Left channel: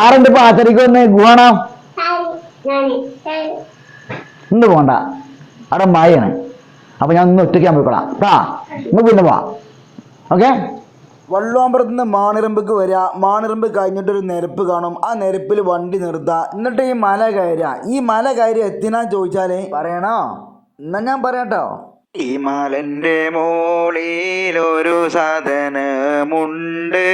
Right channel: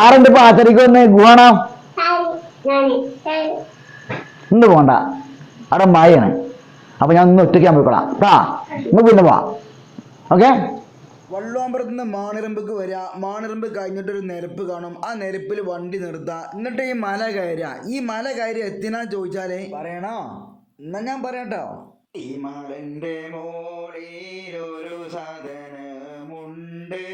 ആറുണ്ട് ഇപ്പൊ ആച്ചരിക്ക് വന്ന്. ഗുഹണ? ഇന്ന് പോണ്ട. അവിടെ മായാണ്. അപ്പൊ ഞാൻ ഒന്ന് ഒറ്റയ്ക്ക് പോയിക്കോളാം. വീണ്ടും പോവാ പിന്നെ പോവാം ഓക്കെ? വള്ളുവാമ്പുറത്ത് നിന്ന് മാണിറമ്പക്ക് വരിക മാണിറമ്പ് കഴിഞ്ഞിട്ടൊരു നിരപ്പ് കാണും. ആ നിരപ്പിൽ വണ്ടി നിർത്തുക എന്നിട്ട് ഈ മല കയറുക ഈ മല കയറി എത്തിനാ ചോദിച്ചാലേ? പറയണോ? എന്നാ ഞാൻ പറയാട്ടോ. ഈ മലന്റെ മോളിലൊരു സാധനമുണ്ട്.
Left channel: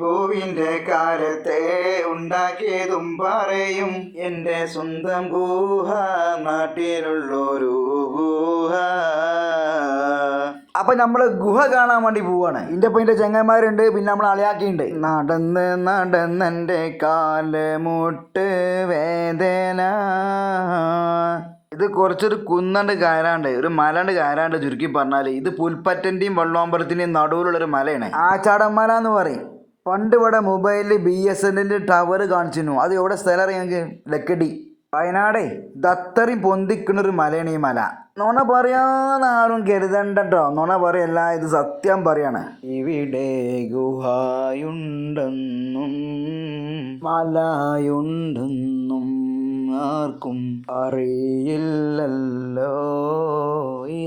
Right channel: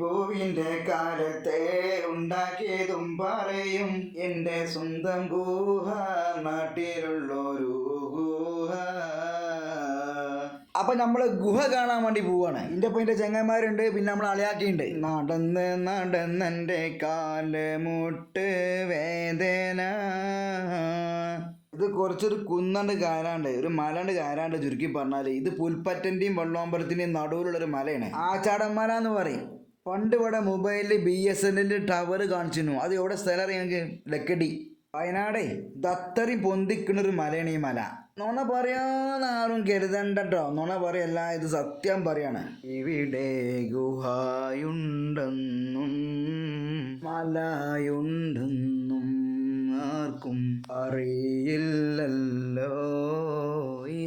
പൂവിന്റെ കാലത്തെ ഉണ്ടാക്കിയതും പറയും. എന്റെ സ്വന്തം ഗുഹ നാട്ടിലുള്ളൊരു ഗുഹ. അപ്പൊ നമ്മൾ ഗുഹ കാണാൻ വേണ്ടി പോവാണ്. ഇന്റെ ഇപ്പൊ ഇന്റെ ചെങ്ങന്മാരുണ്ട് പിന്നെ നമ്മൾ അളിയാക്കിയുണ്ട്. നടന്ന് നടന്നെന്റെ കാലമുട്ട് വേദന. ഇത് കുറച്ചൊരു കുന്നണ്ട് കയറാണ്ട് ഒരു മലണ്ട് കയറാണ്ട് ചുരുക്കി പറഞ്ഞാൽ ഇത് പുൽപ്പറ്റന്റെയും നടുവിലുള്ള ഒരു മലയാണ്. ആച്ചാടന്മല എന്ന് പറയും. പണ്ട് ഇവിടെ മൊബൈലിൽ ബി എസ് എന്നിന്റെ ടവർ കാണിച്ചിരുന്നു. അത് എവിടെ സ്ഥലം ഞങ്ങൾക്ക് ലക്കടി. വയനാടേ. ദത്തറിയും പൊന്തിക്കുന്നൊരു മലയാണ് ഈ മല. നുണ പറയാന്ന് ആരും കരുതണ്ടോ നുണ പറയല്ല ഇത് സത്യം പറയാണ്. ഇവിടെ ഗുഹായുണ്ടെന്നും മലയുണ്ടെന്നും ആർക്കും അറിയില്ലല്ലോ.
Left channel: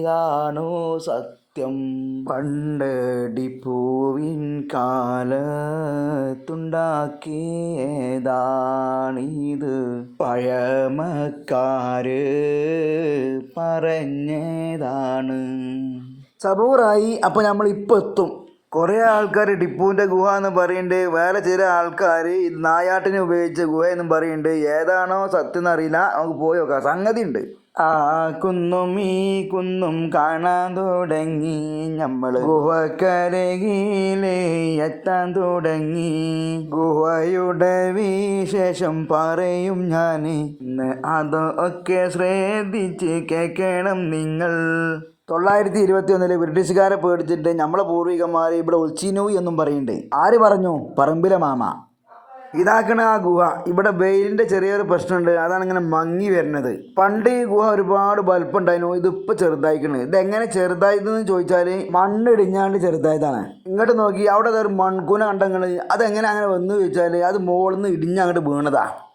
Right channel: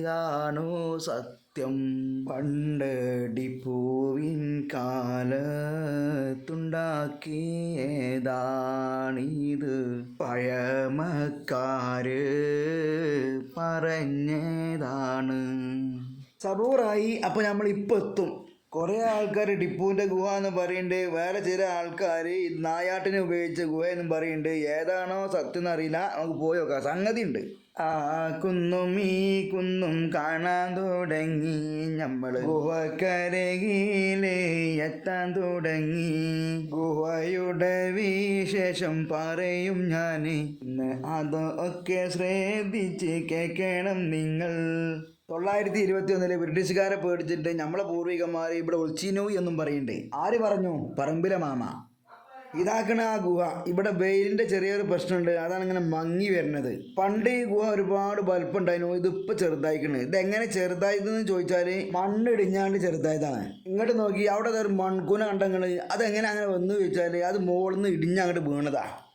ഇതാണോ സത്യം? പണ്ട് ടിപ്പുവിൻ കാലത്തുണ്ടാക്കിയതാണിത്. പഴമക്കാര് പറഞ്ഞതാണ്. സബൂറായി അപ്പോൾ നമ്മൾ ഇപ്പോൾ എത്തും. കുറേ ആൾക്കാർ ടിപ്പുവിന്റെ ഗുഹ എന്ന് പറയുന്നുണ്ട് വേറെ ചില ആൾക്കാർ നായാട്ടിനെ ഉപയോഗിച്ച ഗുഹ എന്നും പറയുന്നുണ്ട് ഏതാണോ സത്യം എന്നറിയില്ല. നമുക്ക് പോയി നോക്കാം. സംഗതി ഉണ്ട് ആ കുന്നും ഈ കുന്നും കാണാൻ തുടങ്ങി. നമ്മൾ ഗുഹക്കരയിലെ എത്താൻ തുടങ്ങി. ഗുഹയുടെ വിശേഷം പറയും ഞാൻ ഇന്ന് അതൊക്കെ ശ്രദ്ധിച്ച് കേൾക്കണം നിങ്ങൾ. തൊള്ളായിരത്തി ഇരുപത്തി ഒന്നിൽ ബ്രിട്ടീഷുകാരെ പേടിച്ചിട്ട് നമ്മളെ പൂർവികന്മാർ ഇവിടെ ഒളിച്ചിനു എന്നും പറയുന്നുണ്ട്. ആര് പറഞ്ഞു? പറമ്പിലെ മാമ. ഇതാക്കണ ആ ഗുഹ. ഇവിടെ വെയിലിന്റെ ചെറിയൊരു പ്രശ്നമുണ്ട്. അതാണ് ഇങ്ങനെ മങ്ങി വരുന്നത്. പണ്ട് ഈ ഗുഹ ഒരുപാട് വലുപ്പുണ്ടായിരുന്നു ഇതിപ്പോൾ ചെറുതായിക്കണ്. ഇത് എങ്ങനെ ചെറുതായതെന്ന് ചോദിച്ചാൽ മണ്ണ് ഇടിഞ്ഞാണ്ട് ചെറുതായതാണ്. ഇങ്ങോട്ട് നോക്കി അവിടെ ഒരു മൺകൂന കണ്ടങ്ങൾ. അതെങ്ങനെ അങ്ങനെ വന്നു ചോദിച്ചാൽ അത് മുകളിൽ നിന്ന് ഇടിഞ്ഞങ്ങോട്ട് വീണതാ.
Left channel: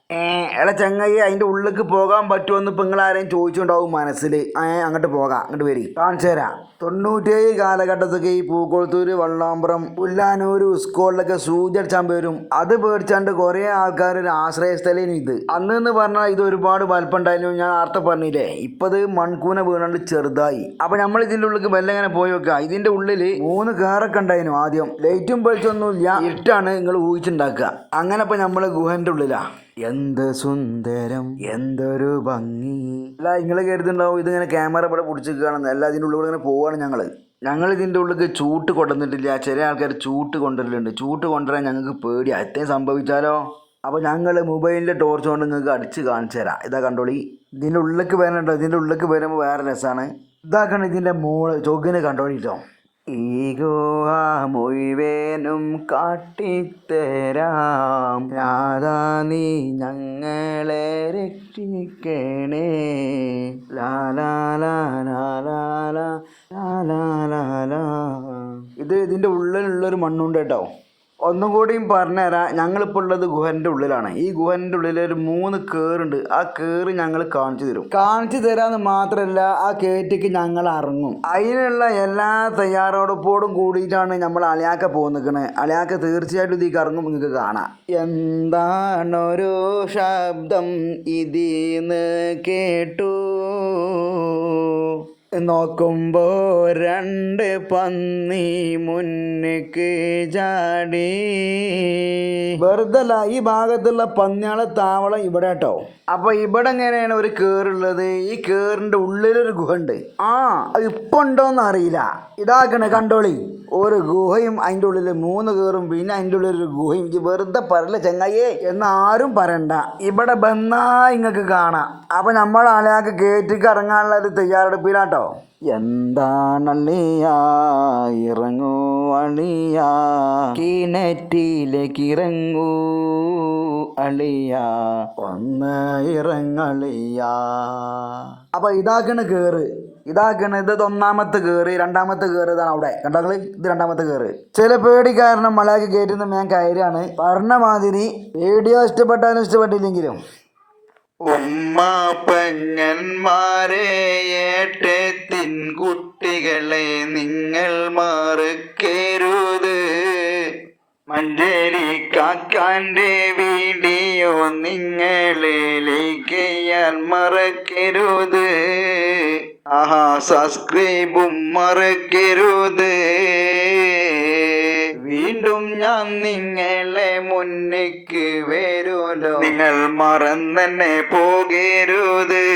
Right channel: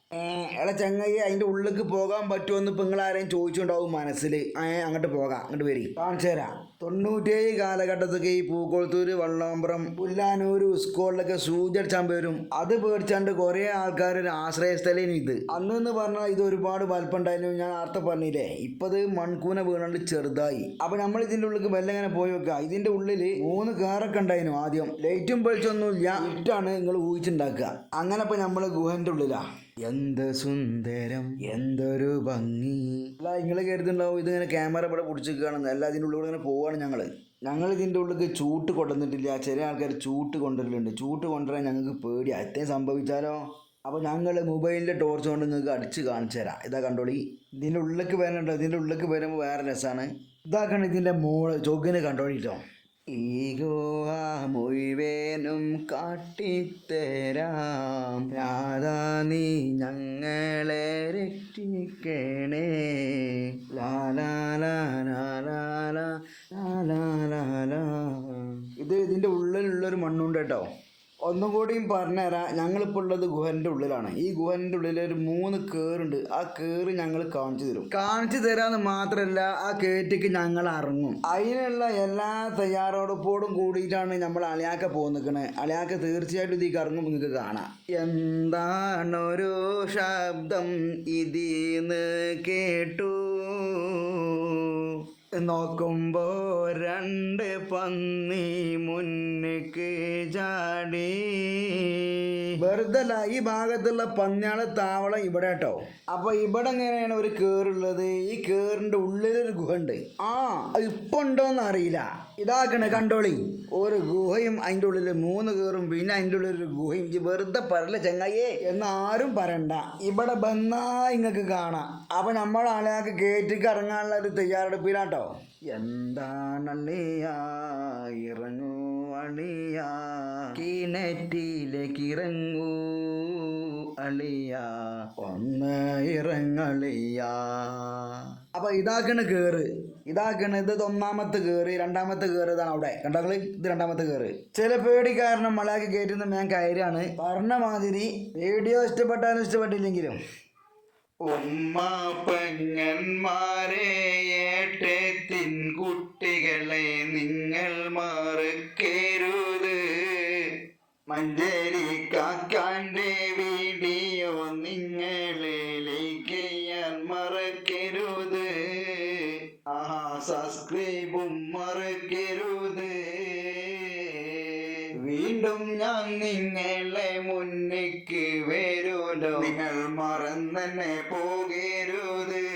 എടാ ചങ്ങായി അതിന്റെ ഉള്ളിലേക്ക് പോകാൻ പറ്റുമെന്ന് ഇപ്പം നിങ്ങൾ ആരെയും ചോദിച്ചുണ്ടാവും മനസ്സിൽ അങ്ങോട്ട് പോകാം അങ്ങോട്ട് വരി. കാണിച്ചു തരാം. തൊണ്ണൂറ്റേഴ് കാലഘട്ടത്തൊക്കെ ഈ പൂക്കോളത്തൂര് വള്ളാമ്പുറം പുല്ലാനൂർ സ്കൂളിലൊക്കെ സൂചടിച്ചാൻ വരും. അത് പേടിച്ചാണ്ട് കുറേ ആൾക്കാർ ഒരു ആശ്രയസ്ഥലേനും ഇത്. അന്ന് എന്ന് പറഞ്ഞാൽ ഇത് ഒരുപാട് വലുപ്പമുണ്ടായിരുന്നു. ഞാൻ അർത്ഥം പറഞ്ഞില്ലേ ഇപ്പത് മൺകൂന വീണാണ്ട് ചെറുതായി. അപ്പം നമ്മൾ ഇതിന്റെ ഉള്ളിൽ മെല്ലെ ഇങ്ങനെ പോയി വെക്കുക ഇതിന്റെ ഉള്ളിൽ മൂന്ന് കാറൊക്കെ ഉണ്ടായിരുന്നു ആദ്യം. ലൈറ്റും വെളിച്ചൊന്നുമില്ല ഇരുട്ടാണ് നിങ്ങൾ ഊഹിച്ചുണ്ടാക്കുക. അങ്ങനെ ഇപ്പം നമ്മൾ ഗുഹന്റെ ഉള്ളിലാ. എന്ത് സുന്ദരം എന്തൊരു ഭംഗി. അല്ല നിങ്ങൾ കരുതുണ്ടാവും ഇതിങ്ങനെ ക്യാമറ ഇവിടെ പിടിച്ചിരിക്കുകയാണെന്ന്. അല്ല ഇതിന്റെ ഉള്ളിൽ ഇങ്ങനെ പോവാണ് ഞങ്ങൾ ഞങ്ങൾ ഇതിന്റെ ഉള്ളിൽ ചൂട്ട് കൊണ്ടുവന്നിട്ടില്ല. ചില ആൾക്കാർ ചൂട്ട് കൊണ്ടുവരലുണ്ട്. ചൂട്ട് കൊണ്ടുവരാൻ ഞങ്ങൾക്ക് പേടി അത്തേ സംഭവിച്ചാലോ? അപ്പോൾ ഞങ്ങൾ മൊബൈലിന്റെ ടോർച്ച് കൊണ്ട് നിങ്ങൾക്ക് അടിച്ച് കാണിച്ചു തരാം. ഇതാ കണ്ടോളി. ഇതിന്റെ ഉള്ളിലേക്ക് വരണുണ്ടോ ഇതിന്റെ ഉള്ളിലേക്ക് വരുമ്പോൾ വേറെ രസമാണ്. ഇതാക്കണം ഇതിന്റെ മോൾ ചൊഗിന് കണ്ടോളിട്ടോ ഈഗോ ആ മുഴുവേനും കാട്ടിത്തരാം. രാധാ നീ ഞങ്ങളെ രക്ഷിക്കണേ. ലാലാ ലാ ലാ ലാ ലാ ലാ ലാ ലാ ലാ. ഇത് ഇതിന്റെ ഉള്ളിലുള്ളൊരു മണ്ണുണ്ട് കേട്ടോ. ഒന്നും കൂടിയും പറഞ്ഞുതരാം ഞങ്ങളിപ്പോൾ ഉള്ളത് ഗുഹന്റെ ഉള്ളിലാണ്. ഈ ഗുഹന്റെ ഉള്ളിൽ ഒരു മൂന്ന് കേറുണ്ട്. ആ കേറ് ഞങ്ങൾ കാണിച്ചു തരും. കാണിച്ചു തരാന്ന് മാത്രമല്ല ആ കേറ്റിക്ക് ഞങ്ങൾ ഇറങ്ങും. അതിനുള്ള എല്ലാ തയ്യാറെടുപ്പോടും കൂടിയിട്ടാണ് നമ്മൾ അളിയാക്ക പോന്നിക്കണേ അളിയാക്ക തീർച്ചയായിട്ടും ഇതിൽ ഇറങ്ങും നിങ്ങൾക്ക് കാണാം. എന്താണൊരു ശബ്ദം ഇതിന്ന് കേട്ടു? നോക്കുമ്പോ രണ്ട് പന്നി മുന്നിക്ക് ചാടി. വെറുതല്ല ഈ ഭാഗത്തുള്ള പന്നിയാളെ താവളം ഇവിടെ കേട്ടോ. അപ്പൊ ഇവിടെ എങ്ങനെയാണ് ഒരു കേറുള്ളത്? ഈ കേറിന്റെ ഉള്ളിലൊരു ഗുഹ ഉണ്ട് ആ ഇപ്പൊ ഉണ്ടോന്ന് അറിയില്ല. ഇതാക്കണേ കണ്ടോളി. ഒരു ഗുഹയും അതിന്റെ ഉള്ളിൽ മൂന്ന് കേറും പിന്നെ അതിന്റെ ഉള്ളിൽ ഒരു ഗുഹയും വെറുതെ പറയല ചെങ്ങായേ എന്ന് ആരും പറയണ്ട. ഇവിടെ വന്നാ ഇങ്ങക്ക് കാണാം. അപ്പൊ നമ്മൾ ആളെയാൾക്ക് കേറ്റിക്ക് ഇറങ്ങാനുള്ള ഒരു തയ്യാറെടുപ്പിലാട്ടോ. എന്താണള്ളിയാ ഇറങ്ങൂ അളിയ? കിണറ്റിലേക്ക് ഇറങ്ങൂ അളിയ. ഒന്ന് ഇറങ്ങളിയ അപ്പൊ ഇതാക്കണ് കേറ്. ഇതാക്കണ് ഇത് ഒന്നാമത്തെ കയറ് രണ്ടാമത്തെ കയറ് ഇതാണ് അവിടെ. കണ്ടങ്ങൾ ഇത് രണ്ടാമത്തെ കേറ്. ചില പേടി കാരണം മലയാക്കി കയറ്റുന്ന ഞാൻ കയറാണ്. പറഞ്ഞ മാതിരി വീഡിയോ ഇഷ്ടപ്പെട്ടാലും ഇഷ്ടപ്പെട്ടില്ലെങ്കിലും. ഉമ്മ പഞ്ഞന്മാരെ ഏട്ടത്തിൻ കുട്ടികളെ നിങ്ങൾ മറക്കരുത്. മഞ്ചേരി കാക്കാന്റെ വീഡിയോ ഞാൻ മറക്കരുത്. ആഹാ സബ്സ്ക്രൈബും മറക്കരുത്. വീണ്ടും ഞാൻ നിങ്ങളെ മുന്നിക്ക് വരൂലോ നിങ്ങൾ മറന്നെ പോകരുത്.